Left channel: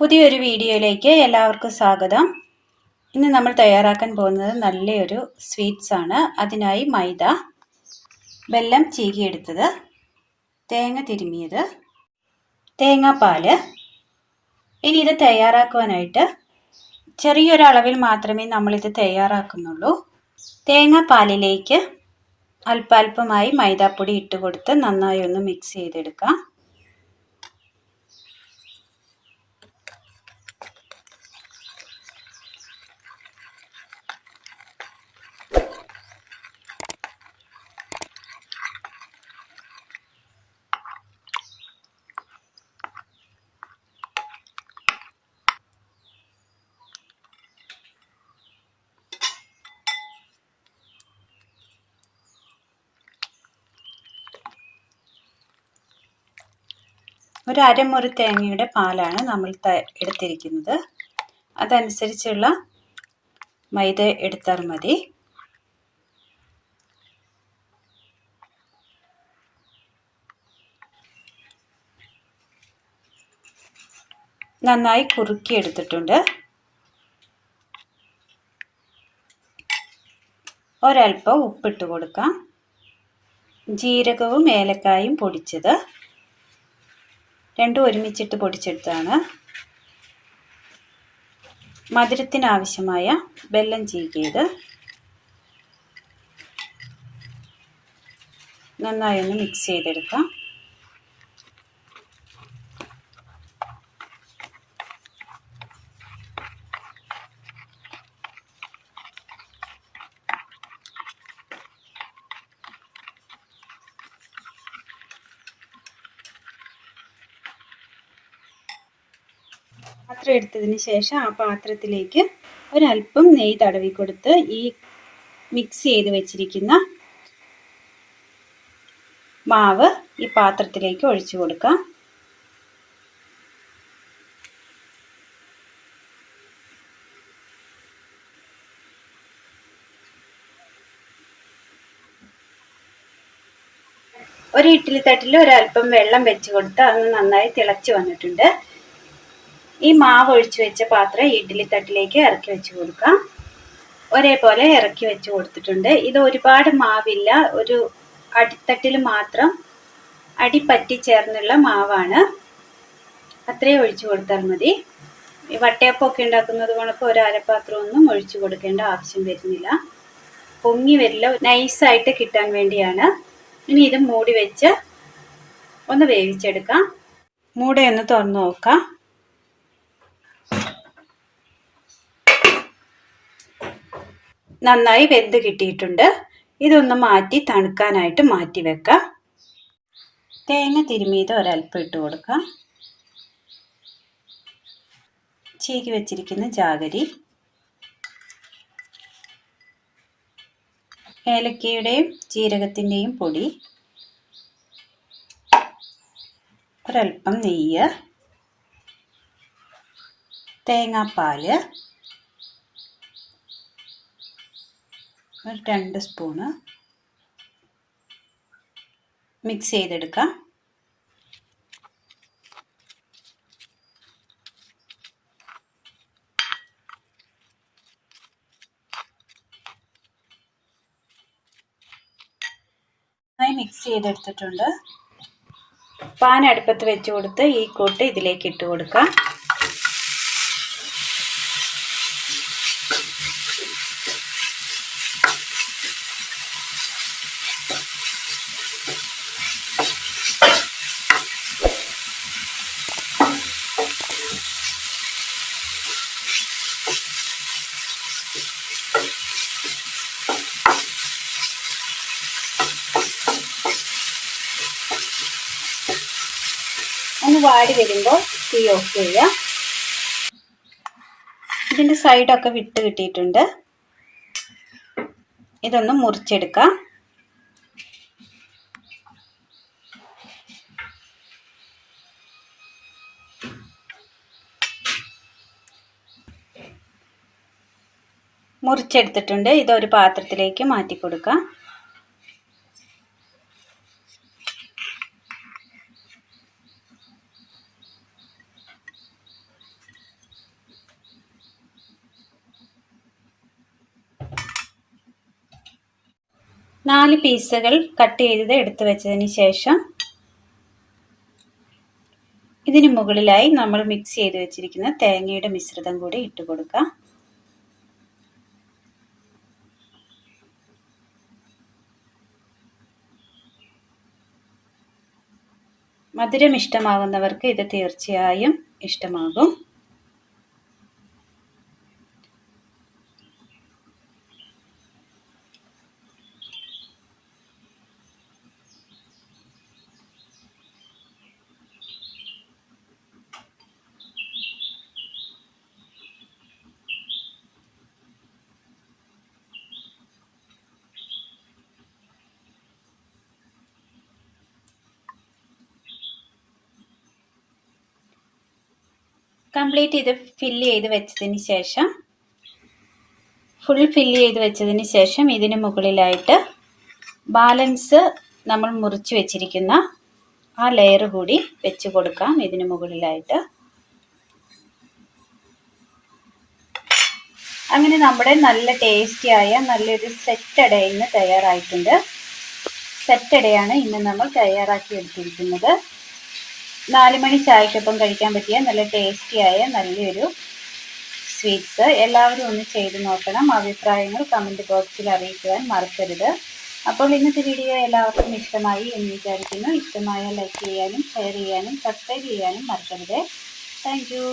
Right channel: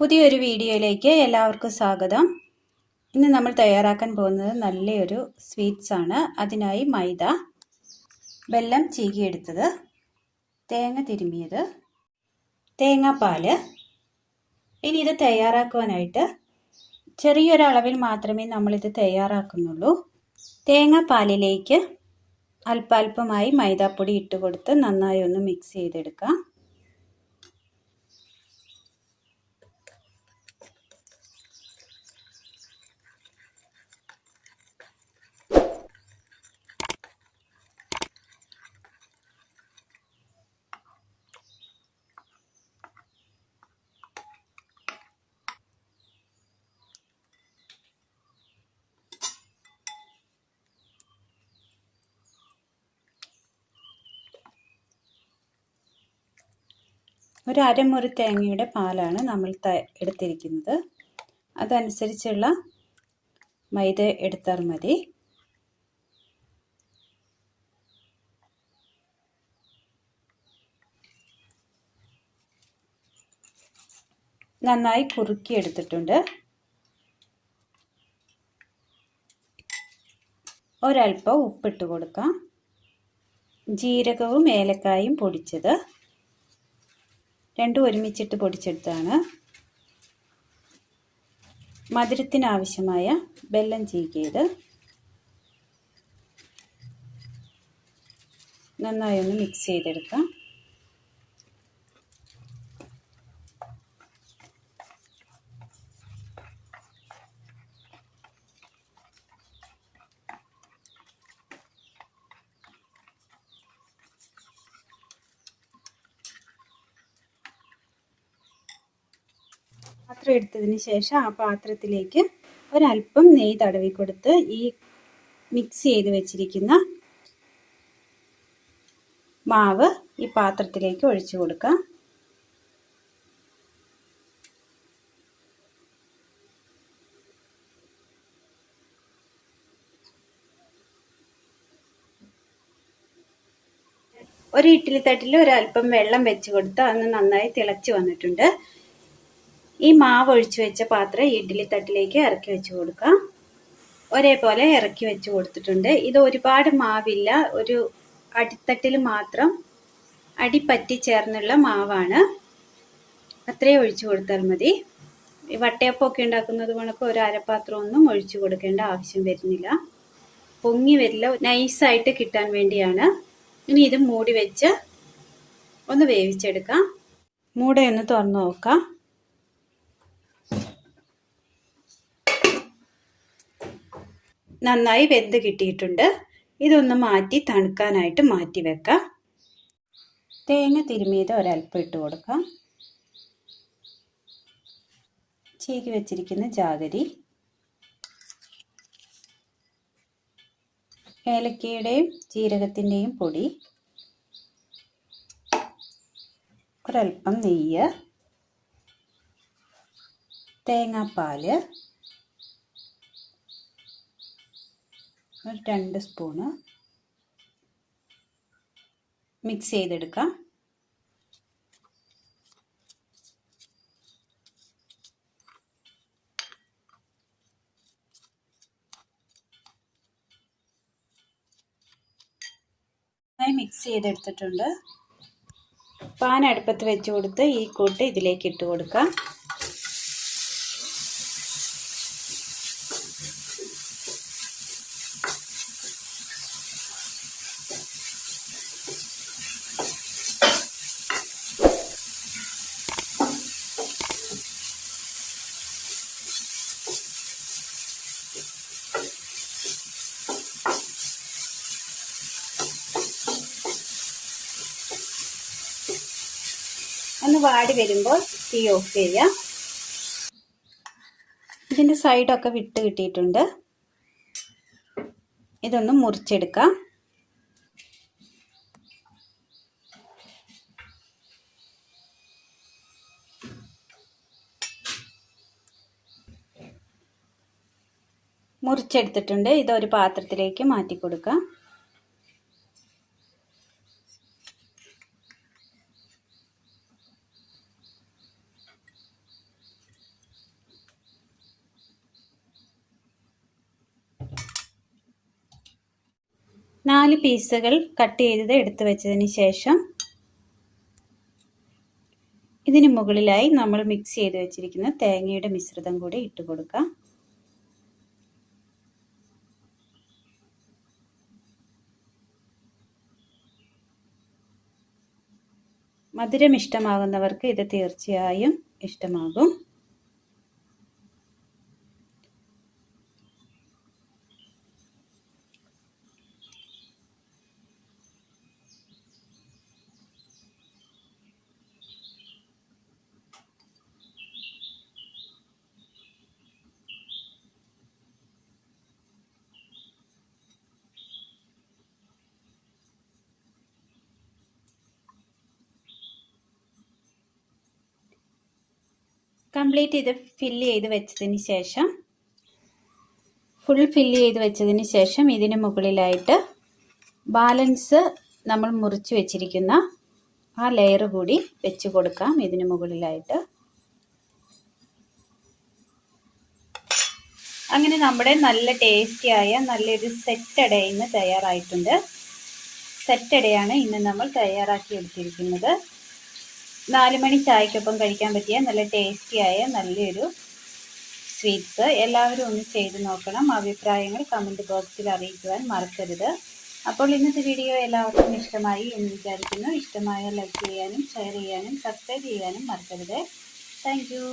പുതിയൊരു വീഡിയോയിലേക്ക് എല്ലാവർക്കും സ്വാഗതം. ഇന്ന് നമ്മൾ തയ്യാറാക്കാൻ പോകുന്നത് നല്ലൊരു സ്വീറ്റ്സ് ആണ്. അതിനായി മൈദ, വെല്ലം ചീകിയെടുത്തത്, തേങ്ങ തിരുമിയത്, തേങ്ങാപ്പാല്. ഇനി ഇത് തയ്യാറാക്കുവാനായിട്ട് ചെറിയൊരളവിൽ മാത്രമേ നമ്മളിത് തയ്യാറാക്കുന്നുള്ളൂ. തേങ്ങാപ്പാലിലേക്ക് അല്പാൽപമായി മൈദാപ്പൊടി ഇട്ട് കൊടുത്ത് നന്നായി ഒന്ന് മിക്സ് ചെയ്തെടുക്കാം. ഒരു അരമുറി തേങ്ങയുടെ പാലാണ് നമ്മൾ എടുത്തിരിക്കുന്നത്. അതനുസരിച്ചുള്ള മൈദ എടുത്താൽ മതി. നന്നായി കുറുക്കി എടുത്തിട്ടുണ്ട്. ഒരൽപ്പം ഉപ്പിട്ട് കൊടുക്കാം. ജീരകവും ഏലക്കായും പൊടിച്ചത്, രണ്ടും ഒരുമിച്ചിട്ട് പൊടിച്ചെടുത്താണ്. മധുരത്തിനാവശ്യമായ വെല്ലം ചീകിയത്, നന്നായി ഒന്ന് മിക്സ് ചെയ്തെടുക്കാം. പാത്രം എടുത്തതിന് ശേഷം ആ പാത്രത്തിലേക്ക് ഒരല്പം നെയ്യ് തടവി കൊടുത്ത് ഈ മിക്സ് ചെയ്ത് വെച്ചിരിക്കുന്ന മാവ് ഈ പാത്രത്തിലേക്ക് ഒഴിച്ചു കൊടുക്കാം. ഒരു ഇഡ്ഡലി തട്ടിൽ ഒരല്പം വെള്ളം വെച്ച് കൊടുത്ത് അത് നന്നായി തിളച്ച് വന്നിട്ടുണ്ട്. ഈ മാവ് ഒഴിച്ചു വെച്ച പാത്രം ഇഡ്ഡലി തട്ടിലേക്ക് ഇറക്കി വെച്ച് കൊടുക്കാം. ഒരേപോലെ ഇറക്കി വെച്ച് കൊടുത്തിട്ടുണ്ട്. ഇത് ഒരുപാട് മാവില്ല, ഒരു അടിത്തട്ടിൽ മാത്രം അടിപ്പറ്റി ചേർന്നുള്ള മാവാണ്. അത്രയും ഒഴിച്ചു കൊടുത്താൽ മതി. വട്ടയപ്പമൊക്കെ ഉണ്ടാക്കുന്നത് കണക്ക് ഒരു അരപ്പാത്രമൊന്നും ഒഴിച്ചു കൊടുക്കേണ്ട ആവശ്യം വരുന്നില്ല. പൊങ്ങി വരില്ല, നൈസായിട്ട് കിട്ടാൻ വേണ്ടിയാണ്. ഇനി ഇത് മൂടി വെച്ച് ഒന്ന് വേവിച്ചെടുക്കാം. മൂടയൊന്ന് തുറന്ന് നോക്കാം. നന്നായി വെന്ത് കിട്ടിയിട്ടുണ്ട്. ഇതൊന്ന് മാറ്റി തണുക്കാനായിട്ട് മാറ്റി വെക്കാം. തേങ്ങ തിരുമിയത് ഒരൽപ്പം ഇട്ട് കൊടുക്കാം. ചീകി വെച്ചിരിക്കുന്ന ജാഗരി, ഏലക്കയുടെയും ജീരകത്തിൻ്റെയും പൊടി, ഒരൽപ്പം നെയ്യ്, തേങ്ങാപ്പാല്, ഒരു 2 സ്പൂണ് മിക്സ് ചെയ്തെടുക്കാം. മിക്സ് ചെയ്തെടുത്തിട്ടുണ്ട്. പാൻ അടുപ്പത്ത് വെച്ച് കൊടുത്ത് ഈ കൂട്ട് ഇതിലേക്ക് ഇട്ട് കൊടുക്കാം. ഒന്ന് വാടി വരുമ്പോൾ തീ ഓഫ് ചെയ്യാം. ഇതിൻ്റെ സൈഡൊക്കെ വിട്ട് കിട്ടിയിട്ടുണ്ട്. ഇതൊന്ന് മുറിച്ചെടുക്കാം. മുറിച്ചെടുത്തിട്ടുണ്ട്. ഇതൊരു പാത്രത്തിലേക്ക് മാറ്റി കൊടുക്കാം. 4 പീസുകൾ കട്ട് ചെയ്തത് എടുത്തു വെച്ചതിന് ശേഷം ഇതിന് മുകളിലായി നമ്മൾ മിക്സ് ചെയ്ത് വെച്ചിരിക്കുന്ന തേങ്ങയുടെ മിശ്രിതം കൂടി ഇട്ട് കൊടുക്കാം. മധുരം ഇഷ്ടമാകുന്നവർക്ക് ഇത് തീർച്ചയായും ഇഷ്ടമാകും. കംപ്ലീറ്റ് ഇത് ഫില്ല് ചെയ്ത് വെച്ചതിന് ശേഷം ഇതിന് മുകളിലായിട്ട് ബാലൻസ് നമ്മൾ മുറിച്ച് വെച്ചിരിക്കുന്ന ആ ലെയർ കൂടി വെച്ച് കൊടുക്കാം. ഇതിന് മുകളിലായിട്ട് അങ്ങനെ നമ്മുടെ നല്ല ടേസ്റ്റിയായ നല്ലൊരു സെറ്റ് അട ഇന്ന് തയ്യാറായിട്ടുണ്ട്. സെറ്റ് അടയാണ് ഇന്ന് നമ്മൾ തയ്യാറാക്കി എടുത്തിരിക്കുന്നത്. 4 മണി ചായക്കൊപ്പം കഴിക്കാൻ പറ്റിയ നല്ല ടേസ്റ്റിയായ നല്ലൊരു സ്വീറ്റ്സ്. എല്ലാവരും ഒന്ന് ചെയ്ത് നോക്കണം. അഭിപ്രായങ്ങൾ കമൻറ്റ് ബോക്സിൽ അറിയിക്കുവാൻ മറക്കരുത്. അപ്പോൾ ഇന്നത്തെ വീഡിയോ എല്ലാവർക്കും ഇഷ്ടമായി എന്ന് വിചാരിക്കുന്നു. ഇഷ്ടമായ ലൈക്ക് ചെയ്യാനും ഷെയർ ചെയ്യാനും സബ്സ്ക്രൈബ് ചെയ്യാനും മറക്കരുത്. Thank you.